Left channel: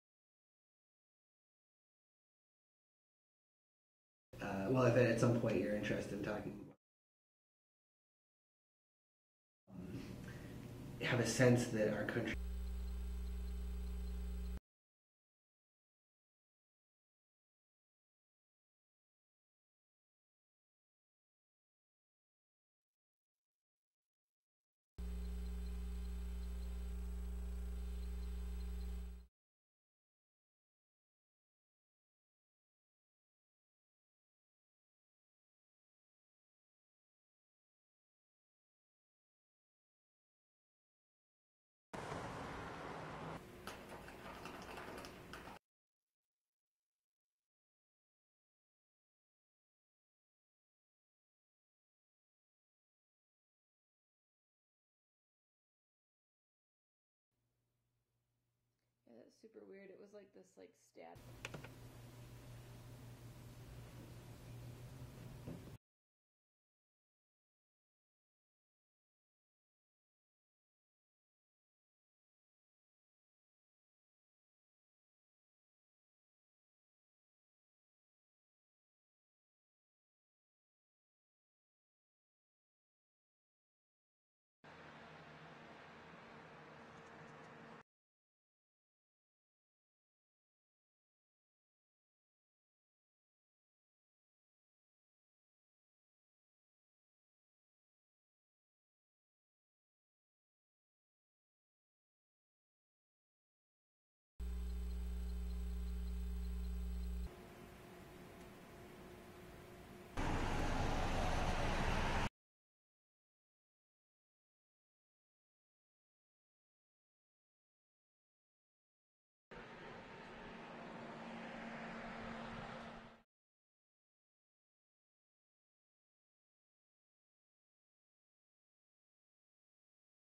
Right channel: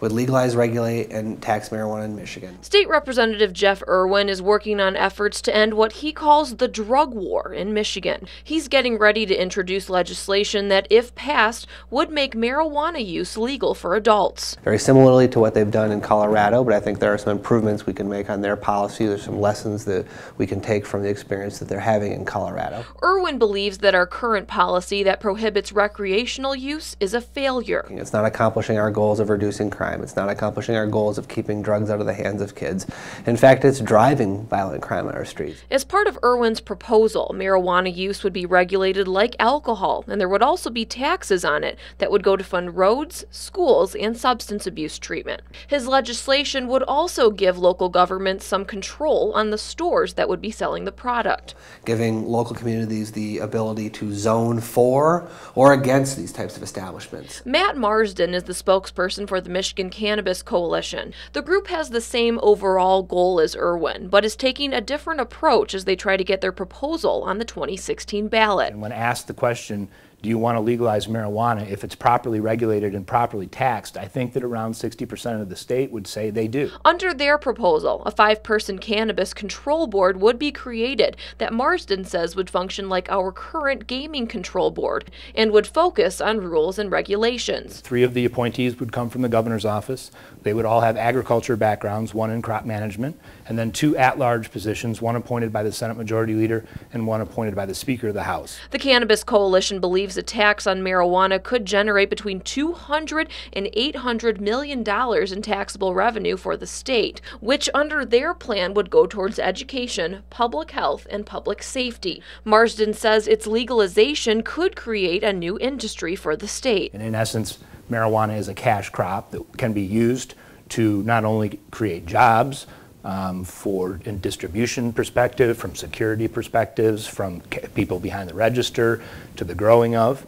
would legalize, regulate, and tax marijuana in Michigan. State Representative Jeff Irwin is working on efforts to end what he calls the drug war in Michigan. He's getting ready to introduce legislation that, if passed, would make marijuana use legal for adults. Very similarly to what they've done in Colorado, but I think there are some improvements we can make on their policy. There's some lessons that we can take from the experience that they're having in Colorado. Irwin believes that our current policy that prohibits recreational use is a failure. It's not accomplishing our goals of reducing crime. It's not accomplishing our goals of keeping drugs out of the hands of kids. In fact, it's driving violent crime on our streets. As part of Irwin's proposal, marijuana use would be regulated like alcohol, and there would also be taxes on it that would go to fund roads, schools, and substance abuse treatment. His legislation would also give local governments some control on the stores that would be selling the product, giving local communities the ability to zone for or against these types of establishments. Matt Marsden is the spokesperson for the Michigan Cannabis Coalition. The group has the same overall goal as Irwin, but is taking a different approach as they try to get their proposal on the 2016 ballot. And when asked the question, do you want to legalize marijuana if it's properly regulated and properly taxed, I think that around 60% of the state would say they do. Under their proposal, a 5-person cannabis control board would be created that Marsden says would function like our current gaming control board and would focus on rules and regulations. 3 of the appointees would come from the governor's office. They would all have agriculture backgrounds, 1 in crop management, and then 2 at-large positions, 1 appointed by the Senate Majority Leader and 1 appointed by the Speaker of the House. The Cannabis Coalition believes a tax on marijuana could generate between $200 and $800 million in taxable revenue for the state, which under their plan would go towards education, public health, and public safety. Marsden says its legalization could create a new industry for the state. And in essence, marijuana is a cash crop that can be used to not only create jobs, in distribution perspective, from security perspectives, from people behind the register, to the growing of.